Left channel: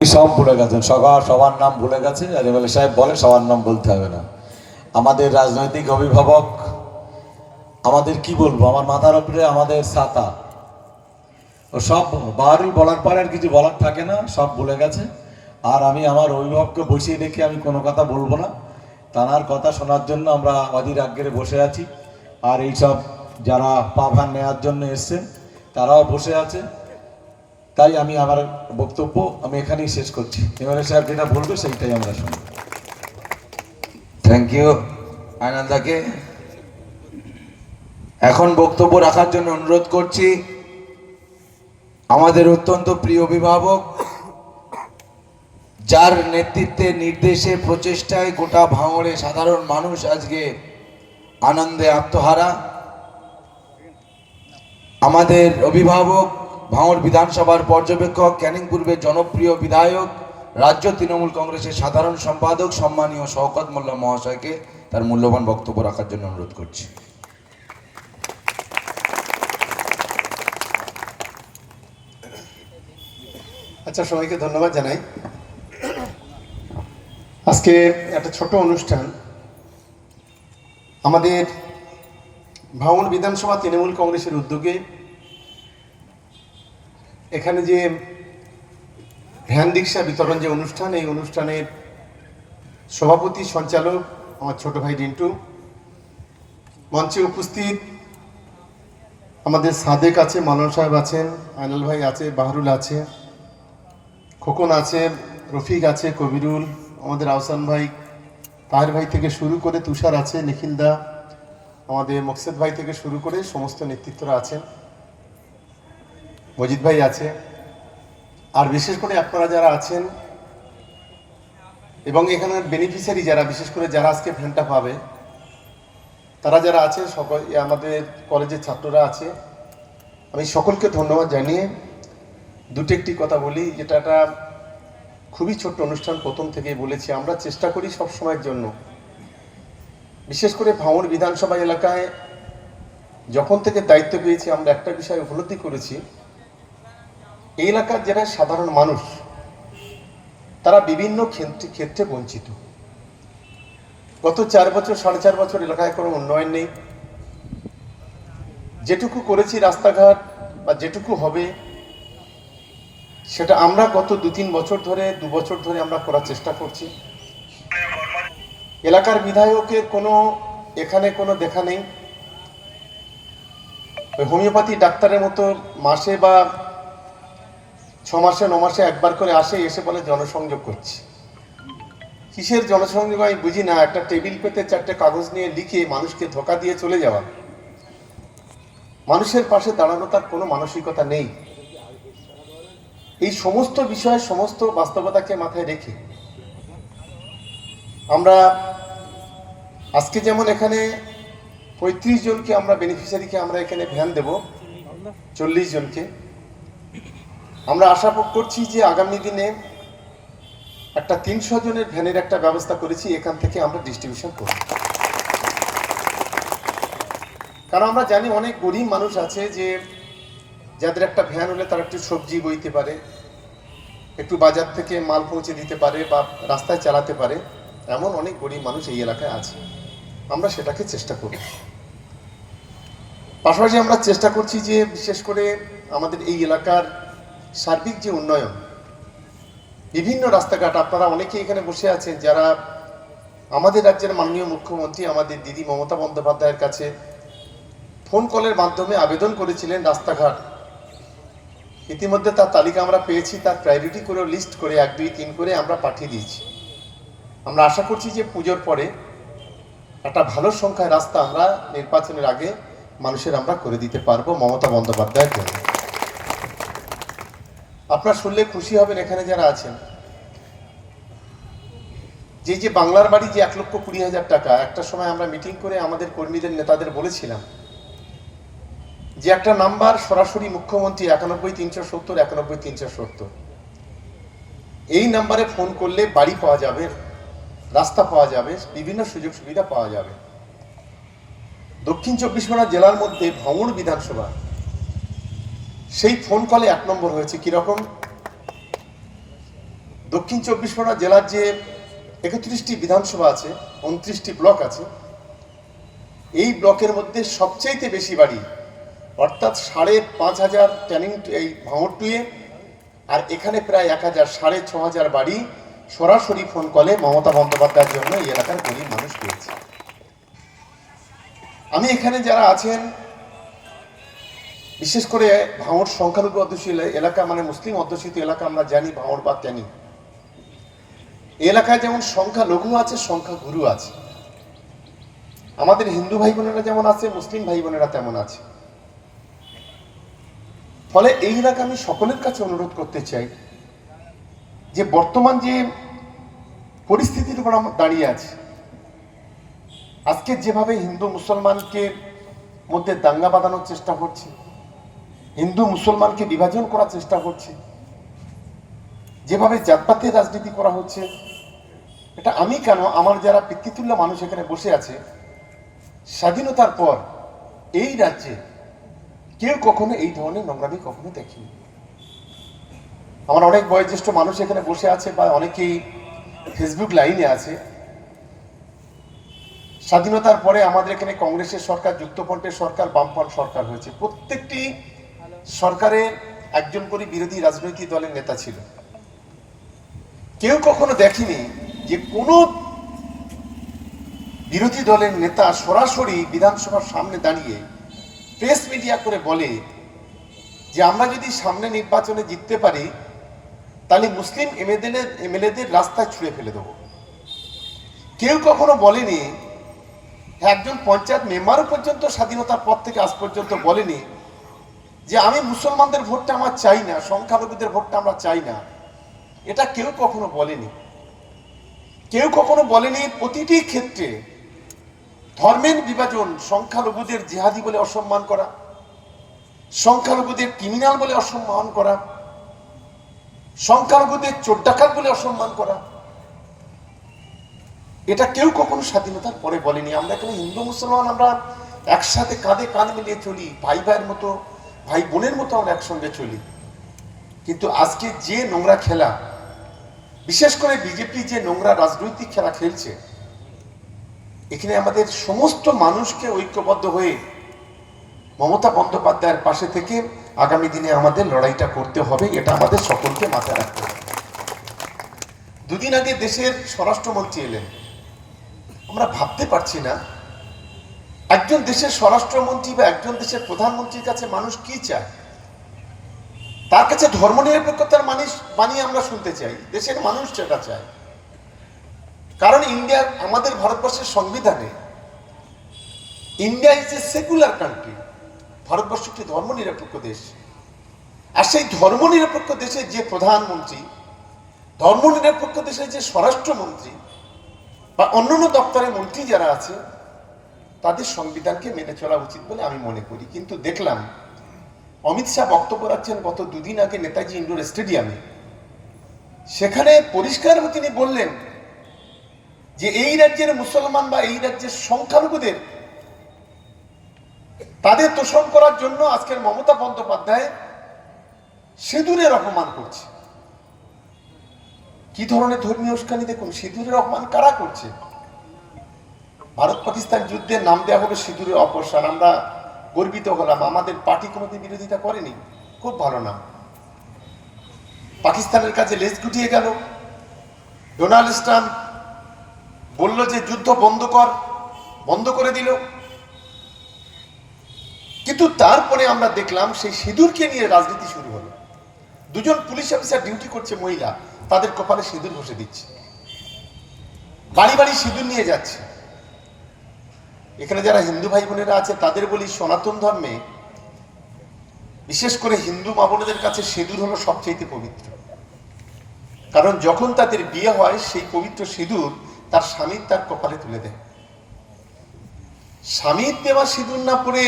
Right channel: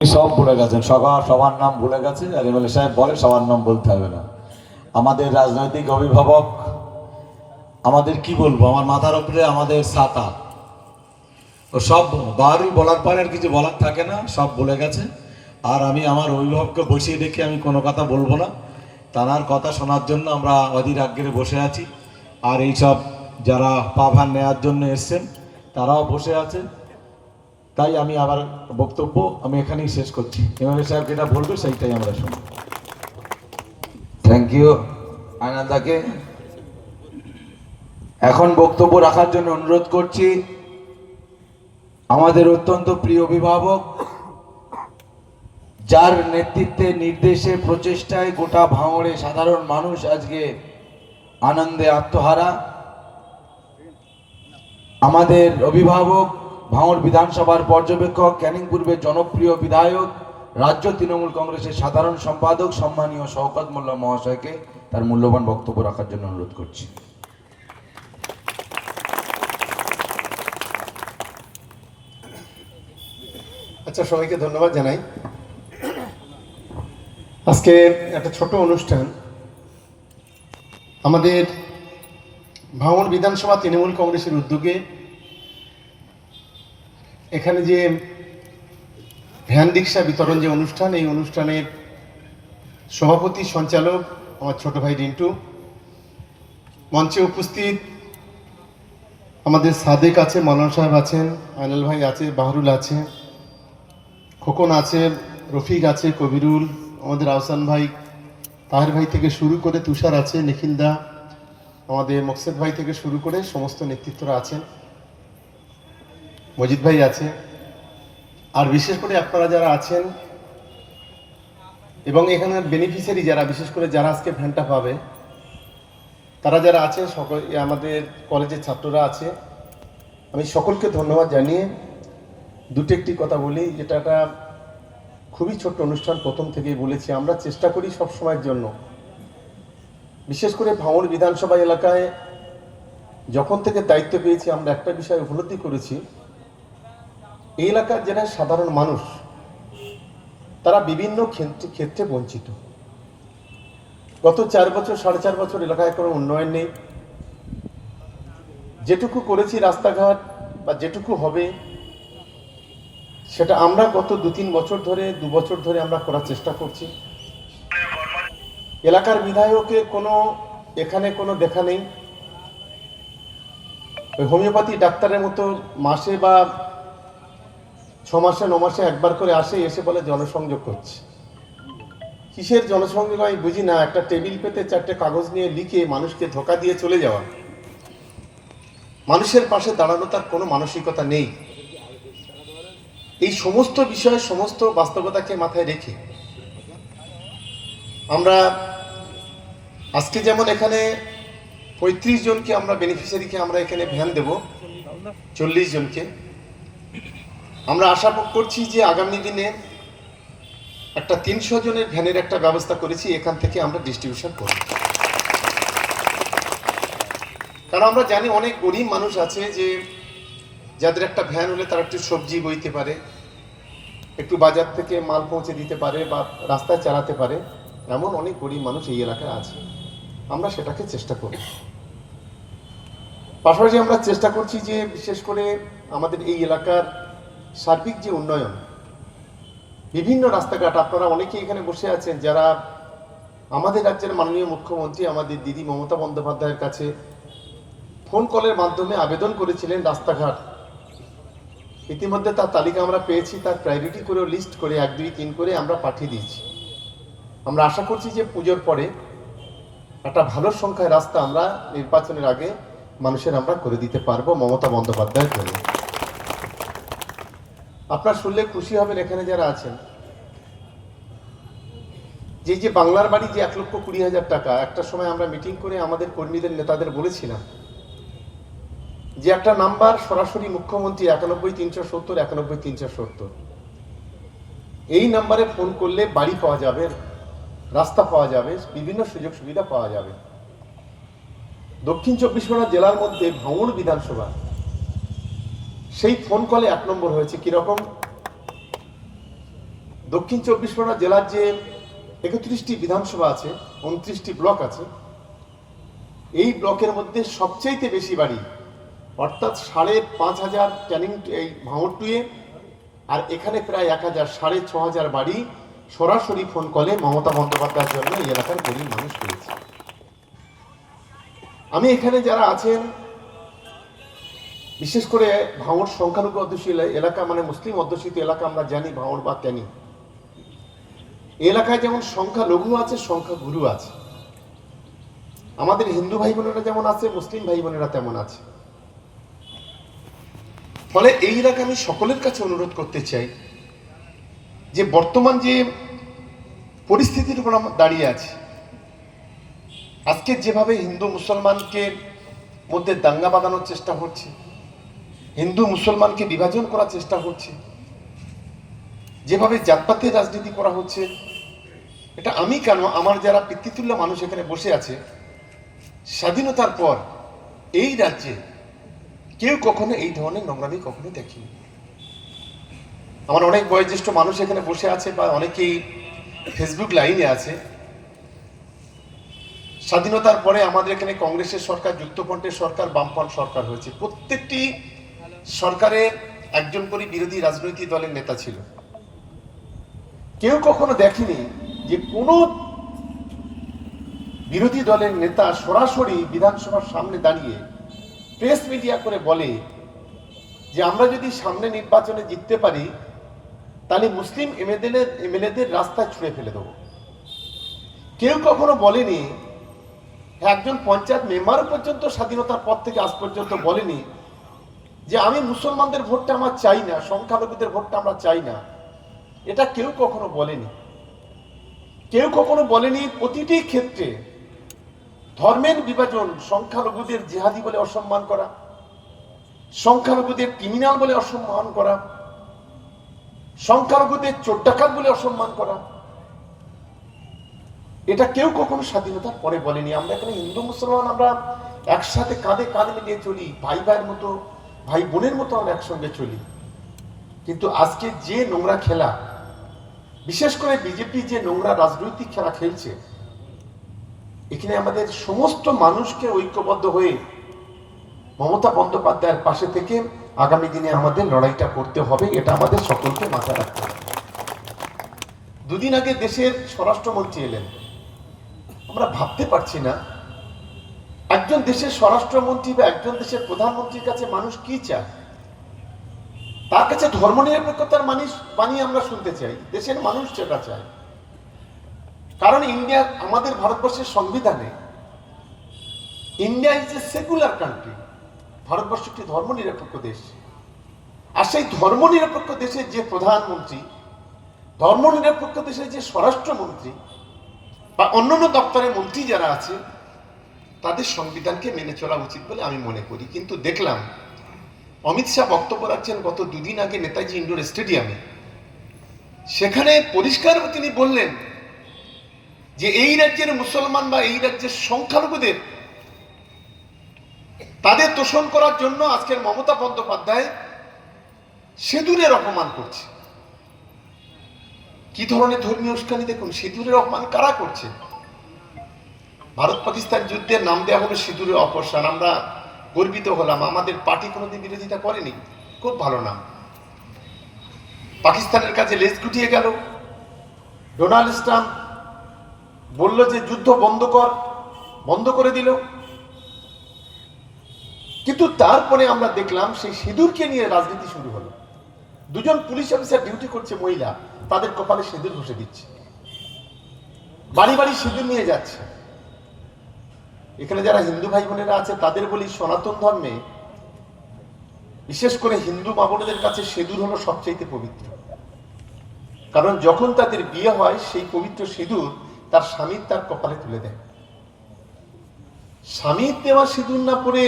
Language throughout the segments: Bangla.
সব ভুলে গেছেন, সবার নাম ভুলে গেছে। আর এমএলএ সাহেব বলে সবার নাম বলতে হবে না। আমাদের রাজনৈতিক অভিভাবক, আমাদের কি বলবো, আমার মাথার উপরে আমাদের ছাতা, ও সব বারই বলার পরে আর কিছু বলার থাকে না, সব ভুলে গেছে। আর আমি আমার অভিভাবককে বসিয়ে রেখে আমি কোনো কথা বলবো না। তার কথা শোনার জন্য আমরা অধীর আগ্রহে বসে আছি। আর এইসব যারা পাভার নেওয়ার জন্য এসছেন তারাও বসে আছে। তাই আমি আমার বক্তব্য আমি এখানেই শেষ করছি। এমএলএ সাহেব যেটা বলবে সেইটাই আমরা শুনব। থ্যাংক ইউ আনন্দাকে। এখন বক্তব্য রাখার জন্য অনুরোধ করছি আমাদের অত্যন্ত প্রিয় অভিভাবক, যার নেতৃত্বে, নির্দেশে, প্রচেষ্টায় গোটা ভাঙড়ে সাধারণ মানুষ আজকে আনন্দে আত্মহারা, আমাদের অভিভাবক, ভাঙড় বিধানসভার পর্যবেক্ষক, ক্যানিং পূর্বের জনপ্রিয় বিধায়ক, রাজ্য তৃণমূল কংগ্রেসের সাধারণ সম্পাদক সম্মানীয় শওকত মোল্লা মহাশয়কে তার মূল্যবান বক্তব্য রাখার জন্য অনুরোধ করছি। আচ্ছা, সবাইকে ধন্যবাদ জানাই। আজকে একটা ছোট অনুষ্ঠান আমাদের ভাঙড় বিধানসভা তৃণমূল কংগ্রেসের উদ্যোগে। এখানে যে ভ্যান রিক্সা বিতরণ যে অনুষ্ঠান, এই অনুষ্ঠানের সভাপতি সঞ্চালক আমার ছোট ভাই রিন্টু, মঞ্চে উপস্থিত আমাদের সাদেক আছে, মানন সাহেব আছেন, আইনাল ভাই আছে, বাহরুল আছে, খোকন আছে, রফিক আছে, কবিরুল, আমাদের আহসান ভাই, তাহের ভাই থেকে শুরু করে তুষার আছে, নিখিলদা, আমাদের মকসেদ ভাই থেকে শুরু করে সমস্ত নেতৃত্বরা আছেন, মজিদ ভাই আছে। আর বিশেষ করে আপনারা যারা আছেন এবং এখানের বেনিফিশিয়ারি যারা, বিশেষ করে যারা আজকে ভ্যানটা পাবে, তারা যারা আছে, সকল আমাদের কলেজের ছাত্ররা আছে, আমি সকলকে ধন্যবাদ জানিয়ে দুটো একটি কথা বলি, যেটা একটা খুবই ছোট্ট অনুষ্ঠান। প্রথম থেকেই বলেছি, আমরা চেষ্টা করি সব সময়ের জন্য, বিশেষ করে ভাঙড় বিধানসভা এলাকায় যখন থেকে দায়িত্ব পেয়েছি, আমরা একটা বিষয় উপলব্ধি করেছি, এই এলাকার যারা সাধারণ মানুষ তারা বিভিন্ন ক্ষেত্রে বঞ্চিত। গত 4 বছর 4.5 বছর এলাকায় কোনো উন্নয়ন নেই। যেটুকু করেছি রাস্তাঘাট বা যেটুকু হবে, সেটা আমরা গত 2-3 বছর ধরে, 2 বছর ধরে আমরা করার চেষ্টা করছি। এলাকার বিধায়কের এখানে কোনো দেখা নেই। ওই হোমিওপ্যাথি ডাক্তারের মতো মাসে বা 6 মাসে 9 মাসে একবার করে এসে বলে জনসংযোগ করছি। কিসের জনসংযোগ আমি বুঝি না। একটা টেবিল পেতে 4টে কাগজ নিয়ে লিখে মানুষকে ধোকা দিয়ে চলে যাওয়া, মানুষের পাশে দাঁড়ানো তার কোনো মানসিকতা নেই। এই সমস্ত বিষয়, সমস্ত বাস্তবতাকে মাথায় রেখে আমরা আজকে যেমন এখানে 35 জনকে আমরা বেনিফিশিয়ারিকে আমরা এখানে ভ্যান দেব, 40 জনকে। আমরা আশা করছি যে আগামী দিনে একটা 300 জনের ভ্যানের একটা ব্যবস্থা করেছি, এখান থেকে আমরা ডিস্ট্রিবিউশন করব। কারণ আমরা জানি অনেক গরিব মানুষ আছে যে যাদের একটা ভ্যান হলে তারা একটু সবজি বইতে পারে, একটু বাজার থেকে মাল পৌঁছে দিতে পারে বা রাস্তায় চালাতে পারে, এমন অনেক গরিব মানুষ এই এলাকায় আছে। আমরা সেটাকে চেষ্টা করব। পাশাপাশি আমরা চেষ্টা করছি যে বিশেষ করে আমাদের এই এলাকার সার্বিক যে উন্নয়ন, বিভিন্ন রাস্তাঘাট, আপনারা অনেকেই এখানে বসে আছেন যারা আমাদের রাজ্যের মাননীয় মুখ্যমন্ত্রী আমাদের দিদি মমতা বন্দ্যোপাধ্যায়ের কাছে ফোন কলের মাধ্যমে আবেদন করেছিলেন রাস্তাঘাট। ইতিমধ্যে তার তালিকা আমরা পেয়েছি, তার প্রায়োরিটি করে লিস্ট করে 1, 2, 3 করে আমরা পাঠিয়ে দিয়েছি। আমরা আশা করছি যে পুজোর পরে একটা ভালো সংখ্যায় রাস্তা আমরা নির্বাচনের আগে মানুষের আমরা করে দিতে পারবো মমতা বন্দ্যোপাধ্যায়ের জন্য। আপনারা শুনলে খুশি হবেন এখানে যারা আছেন, যে বাংলার বাড়ি যে 1,20,000 টাকা, একটা সময় আমরা মিটিং করে আমাদের কর্মীদের নেতাদের বলেছিলাম যে একটা নাম্বার সরাসরি মুখ্যমন্ত্রী 91,370 91,370, এই নাম্বারে ফোন করলে বাড়ি পাওয়া যাবে, রাস্তা পাওয়া যাবে, বিভিন্ন সুযোগ সুবিধা পাওয়া যাবে। দক্ষিণ 24 পরগনা জেলার মধ্যে ভাঙড় বিধানসভা সেই ফোন কলে 1 নম্বর হয়েছে। কিরকম? দক্ষিণ চব্বিশ পরগনা জেলার যে 31টি বিধানসভা আছে, 29টি ব্লক আছে, এই ব্লকের মধ্যে সবচেয়ে বেশি বাড়ি অর্থাৎ 5,500 ক্যানিং এই ভাঙড়টুয়ে, আর এখানে প্রায় 1,000, 6,500 বাড়ি সরাসরি ফোন কলে মমতা বন্দ্যোপাধ্যায়ের জন্য এই এলাকার গরিব মানুষ পেয়েছে। আমি এখানে যারা আছেন, বিশেষ করে ভাঙড় সংখ্যালঘু অধ্যুষিত এলাকা, মানে মুসলিম অধ্যুষিত এলাকা আমরা জানি ভাঙড় বা ক্যানিং, এই এলাকায় যেমন সংখ্যা লঘু আছে, সংখ্যা গুরু আছে। আমাদের হিন্দু ভাই বোনেরা যেমন আছে, মুসলিম ভাই বোনেরা তেমন আছে। ফলে এই এলাকা আমি সকলের কাছে অনুরোধ করতে চাই যে বর্তমান যে পরিস্থিতির উপর আমরা দাঁড়িয়ে আছি, আজকে যেভাবে হিন্দু মুসলমানকে মধ্যে দাঙ্গা বাঁধানোর চেষ্টা হচ্ছে, হিন্দু মুসলমানকে বিভাজন করার চেষ্টা হচ্ছে, যেভাবে জাতপাতের রাজনীতি করা হচ্ছে, এটা আমি কেন, আমার যারা পিতৃতুল্য মানুষ এখানে বসে আছে, স্বাধীনতার পর এই রাজ্যে কেউ কখনো এই ধরনের নোংরামি কখনো দেখিনি। আমার অনেক বয়োজ্যেষ্ঠ মানুষ এখানে বসে আছে বা অনেকেই ফেসবুক লাইনে আছে। স্বাধীনতার পরে আমাদের এখানে কংগ্রেসের সরকার, যুক্তফ্রন্টের সরকার, বামফ্রন্ট সরকার হয়েছে। প্রত্যেকটি সরকারের একজন করে বিরোধী রাজনৈতিক দলের নেতা ছিল। কেউ কখনো দেখেনি যে কোনো বিরোধী দলের নেতা সরাসরি বিধানসভার সামনে দাঁড়িয়ে প্রেস মিডিয়া করে বলে যে আমরা যদি সামনে নির্বাচনে জিততে পারি তাহলে মুসলিম এমএলএদের রাস্তায় ছুঁড়ে ফেলে দেবো। কেউ কখনো বলেনি, একজন পঞ্চায়েত মেম্বারও পর্যন্ত স্বাধীনতার পর থেকে আজ পর্যন্ত বলেনি যে আমি মুসলমানদের ভোটটা আমার চাই না, সংখ্যালঘুদের ভোটটা আমরা চাই না। এটা কেউ কখনো বলেনি। কেউ কখনো বলেনি প্রতিটি ক্ষেত্রে ধর্মের বিভাজন, সংখ্যালঘুদের জিহাদি বলে অসম্মান করা, সংখ্যালঘুদের ক্রিমিনাল বলে অসম্মান করা, সংখ্যালঘুদের চোর ডাকাত বলে অসম্মান করা, এটা কেউ কখনো স্বাধীনতার পরে বলেনি। আমরা এখানে হিন্দু মুসলমান আমরা একসাথে কাঁধে কাঁধ মিলিয়ে চলি, ভাই ভাইয়ের মতো, ভাই বোনের মতো আমরা একসঙ্গে চলি। কিন্তু আজকে যে নোংরা খেলা, বিশেষ করে বিজেপি যে নোংরা রাজনৈতিক খেলা খেলছে, এখানে আমাদের সমস্ত মানুষকে ঐক্যবদ্ধ হয়ে মমতা বন্দ্যোপাধ্যায়ের পাশে থেকে আগামী দিনে আমাদের লড়াইটা করতে হবে। এটা আমাদের সকলকে মাথায় রাখতে হবে। দুদিন আগে দেশের স্বরাষ্ট্রমন্ত্রী এলেন। আমরা ভাবতে পারছি না একজন দেশের স্বরাষ্ট্রমন্ত্রী বা একজন দেশের প্রধানমন্ত্রীর কাছে মানুষ কি চায়। তার কাছে ধর্মনিরপেক্ষতার বাণী আমরা শুনতে চাই, দেশের মানুষ সেটা চায়। কারণ ইন্ডিয়া, আমাদের ভারতবর্ষের সংবিধানে India is a secular country, Bharatvarsha একটি ধর্মনিরপেক্ষ দেশ। আর সেই ধর্মনিরপেক্ষ দেশের যে প্রধানমন্ত্রী, ধর্মনিরপেক্ষ দেশের যে স্বরাষ্ট্রমন্ত্রী বা অন্যান্য দপ্তরের মন্ত্রী যারা আছে, তাদের সংবিধানকে মেনে চলা উচিত বলে আমি মনে করি। কিন্তু দেখলাম অমিত শাহ বক্তব্য রাখছেন গত দুদিন আগে নেতাজি ইন্ডোর স্টেডিয়ামে। সেখানে পরিষ্কারভাবে তিনি বললেন যে এই রাজ্যের মুসলমান বা এই রাজ্যের সংখ্যালঘুদের তাদের তোষণ করার জন্য আজকের মমতা বন্দ্যোপাধ্যায় সিঁদুরের অপমান করছে। কি ধরনের ধর্মীয় উস্কানি দেখুন, সিঁদুরের অপমান কারা করছে? ভারত পাকিস্তান যুদ্ধের নাম দেওয়া হলো সিঁদুরের অপসারণ। আমরা গর্বিত হলাম, আমাদের পার্টি কোনোদিন বিরোধিতা করেনি, খুব ভালো নাম। পাকিস্তানের কাছে লেজ গুটিয়ে গেল। ডোনাল্ড ট্রাম্প বলল যে যুদ্ধ বন্ধ করে দিল। কিন্তু তারপরে আমরা দেখলাম সেই সিঁদুরকে নিয়ে রাজনীতি শুরু হলো। দুজন পুলিশ অফিসার ডিউটি করছে মহিলা, তাদের কপালে সিঁদুর ঘষে দিচ্ছে, বাড়ি বাড়ি সিঁদুর নিয়ে যাচ্ছে। এখানে যারা হিন্দু ভাই বোনেরা আছে তাদের বলি, সনাতন ধর্মে বিশেষ করে হিন্দু মা বোনেদের কাছে সিঁদুর হলো সবচেয়ে পবিত্র। কারণ যখন তাদের বিয়ে হয় সেই পবিত্র সিঁদুর তার স্বামীর তার কপালে তুলে দেয়। স্বামীর দেওয়া সিঁদুর না পরে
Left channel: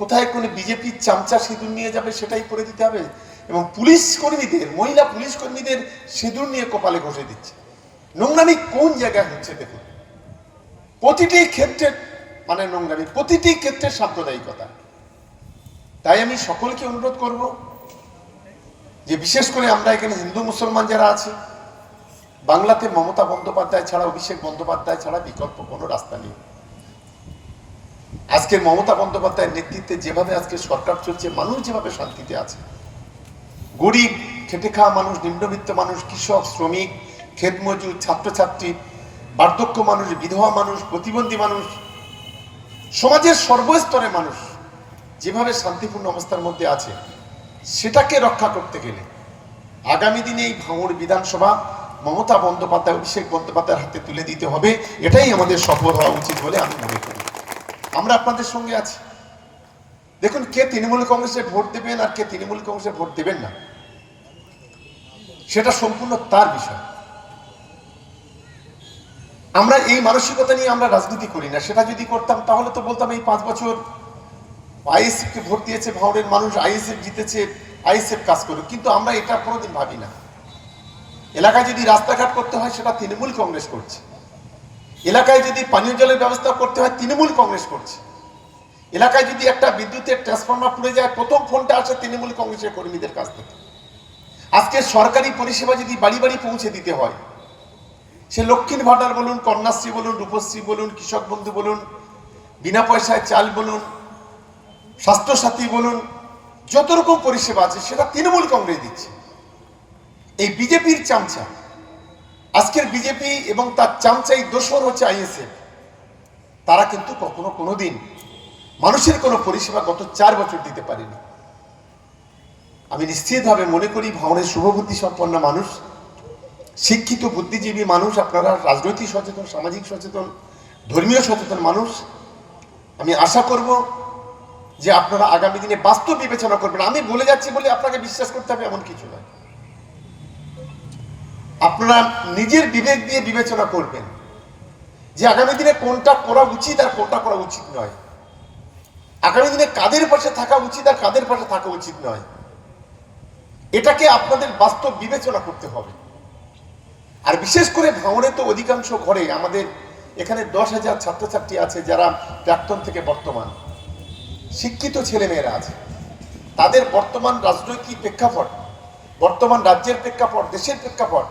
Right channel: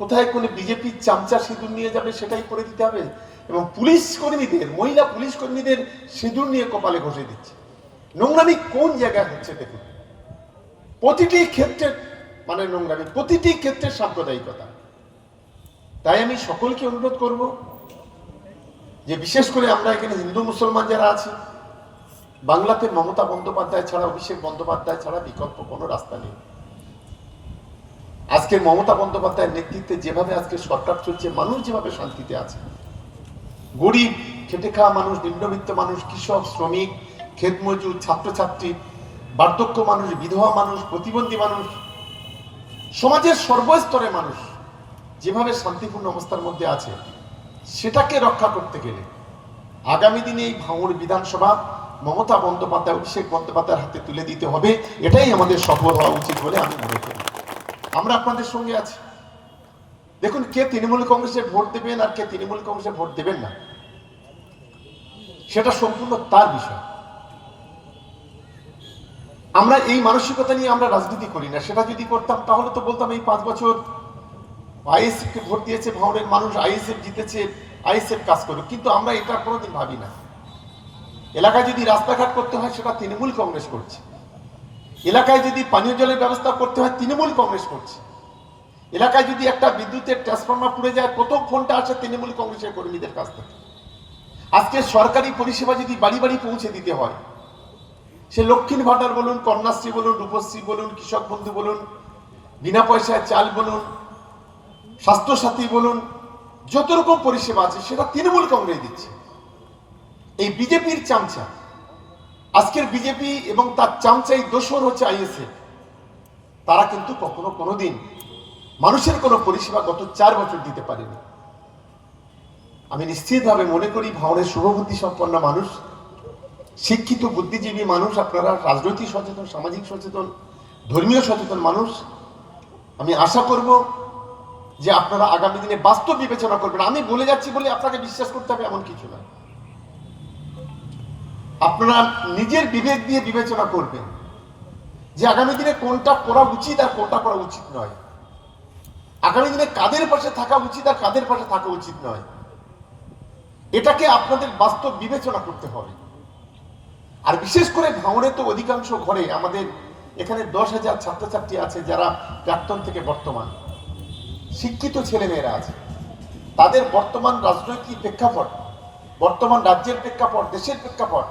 কোথায় কোনো বিজেপির চামচা সিঁদুর নিয়ে যাবে সেটাই পরে দিতে হবে। এবং পুলিশ কর্মীদের, মহিলা পুলিশ কর্মীদের সিঁদুর নিয়ে কপালে ঘষে দিচ্ছে। নোংরামি কোন জায়গায় হচ্ছে দেখুন। প্রতিটি ক্ষেত্রে মানে নোংরামি, প্রতিটি ক্ষেত্রে সাম্প্রদায়িকতা। তাই আমি সকলকে অনুরোধ করব যে বিশেষ করে আমরা এখানে হিন্দু মুসলমান যারা আছি, বাংলাতে মমতা বন্দ্যোপাধ্যায় ছাড়া, অভিষেক বন্দ্যোপাধ্যায় ছাড়া বিকল্প কোনো রাস্তা নেই। আজকের মমতা বন্দ্যোপাধ্যায়ের নেতৃত্বে যেভাবে আজকে সরকার চলছে, মানুষ যেভাবে শান্তিতে আছে, গরিব খেটে খাওয়া মানুষ, নিম্নবিত্ত মানুষ, কৃষক, শ্রমিক, ক্ষেত মজুর, ছাত্রছাত্রী, বার্ধক্য মানুষ, বিধবা মানুষ, প্রতিবন্ধী মানুষ, সমাজের সর্বস্তরের মানুষ যেভাবে শান্তিপূর্ণ অবস্থার মধ্যে আছে, সেটাকে রক্ষা করতে গেলে আগামী দিনে এই ভাঙড় বিধানসভা মমতা বন্দ্যোপাধ্যায়, অভিষেক বন্দ্যোপাধ্যায়ের হাতে তুলে দিতে হবে। এটাই আমাদের সফল হওয়া উচিত বলে আমি মনে করি। আমরা আপনাদের সঙ্গে আছি। দেখুন, কে তৃণমূল কংগ্রেসে ভোট দেবেন আর কে তৃণমূল কংগ্রেসে ভোট দেবেন না, সেটা সম্পূর্ণ তার বিষয়। আমরা এই মানসিকতা নিয়ে আমরা রাজনীতি করি না। সেটা যদি করতাম তাহলে তো বলতাম এই 5 বছর আইএসএফ কে ভোট দিয়েছে ভাঙড়ের মানুষ, আইএসএফ জিতেছে, আইএসএফ কাজ করুক। কিন্তু আমরা এটা কোনোদিন ভাবি না। এলাকায় যদি রাস্তাঘাট করতে হয় সেটা তৃণমূল কংগ্রেস করছে, এলাকায় যদি পানীয় জলের ব্যবস্থা করতে হয় তৃণমূল কংগ্রেস করছে, এলাকায় যদি একটা বিদ্যুতের ট্রান্সফরমার পুড়ে যায় প্রথম ফোনটা আসে তৃণমূল কংগ্রেসের কর্মীদের কাছ থেকে। আজকে সরকারি পরিষেবা যদি বাড়ি বাড়ি পৌঁছে দিতে হয়, সে লক্ষ্মীর ভাণ্ডার বলুন, কন্যাশ্রী বলুন, রূপশ্রী বলুন, কৃষক বন্ধু বলুন, বিনা পয়সায় চাল বলুন, স্বাস্থ্যসাথী বলুন, যত রকম পরিষেবা আছে সেটা তৃণমূল কংগ্রেস দিচ্ছে। এই বিজেপির চামচা, আজকের বিজেপি এবং তার চামচাই দোসর হচ্ছে আইএসএফ, তারা কিন্তু কখনো কোনোদিন মানুষের কোনো পরিষেবা গত 4 বছর দিতে পারেনি। আমি নিশ্চিতভাবে মনে করি ভাঙড়ের শুভবুদ্ধি সম্পন্ন মানুষ, শিক্ষিত বুদ্ধিজীবী মানুষ, আপনারা রাজনৈতিক সচেতন, সামাজিক সচেতন, ধর্মীয় সচেতন মানুষ, আমি আশা করব যে আপনারা আগামী দিনে বাস্তব বিবেচনা করবেন। আমি বলে যাচ্ছি বলে আপনাকে বিশ্বাস করতে হবে এমন কিছু নয়। আপনারা নিজের বিবেক দিয়ে বিবেচনা করবেন যে আগামী দিনে কোনটা করা উচিত আর কোনটা করা উচিত নয়, আগামী দিনে কাদের পাশে থাকা উচিত আর কাদের পাশে থাকা উচিত নয়, এটাকে আপনাদের বাস্তব বিবেচনা করতে হবে। আর বিশেষ করে ভাঙড়ে তো অধিকাংশ ঘরে আমাদের এখানে 10,000 ছাত্রছাত্রী আছে যারা প্রাক্তন থেকে বর্তমান, শিক্ষিত ছেলেমেয়েরা আছে। তাদের বর্তমান রাজনৈতিক প্রেক্ষাপট, বর্তমান রাজ্যের প্রেক্ষাপট, দেশের প্রেক্ষাপট,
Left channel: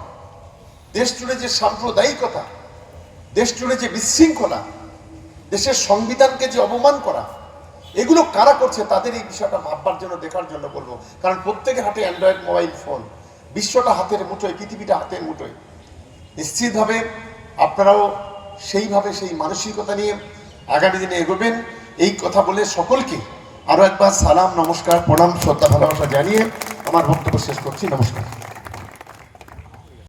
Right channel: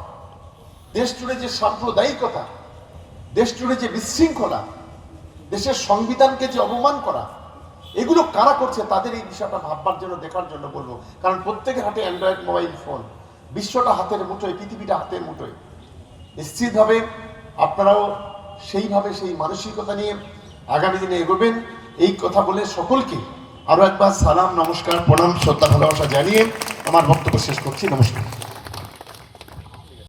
দেশ জুড়ে যে সাম্প্রদায়িকতা, দেশ জুড়ে যে বিশৃঙ্খলা, দেশের সংবিধানকে যে অপমান করা, এগুলো কারা করছে তাদের এই বিষয়টা ভাববার জন্য, দেখার জন্য বলবো। কারণ প্রত্যেকের হাতে অ্যান্ড্রয়েড মোবাইল ফোন, বিশ্বটা হাতের মুঠোয়, পৃথিবীটা হাতের মুঠোয়। নিশ্চিতভাবে আপনারাও সেইভাবে সেই মানসিকতা নিয়ে আগামী দিনে এগোবেন। এই কথা বলে সকলকে আরো একবার সালাম, নমস্কার, প্রণাম, শ্রদ্ধা, ভালোবাসা জানিয়ে আমার বক্তব্য শেষ করছি। নমস্কার।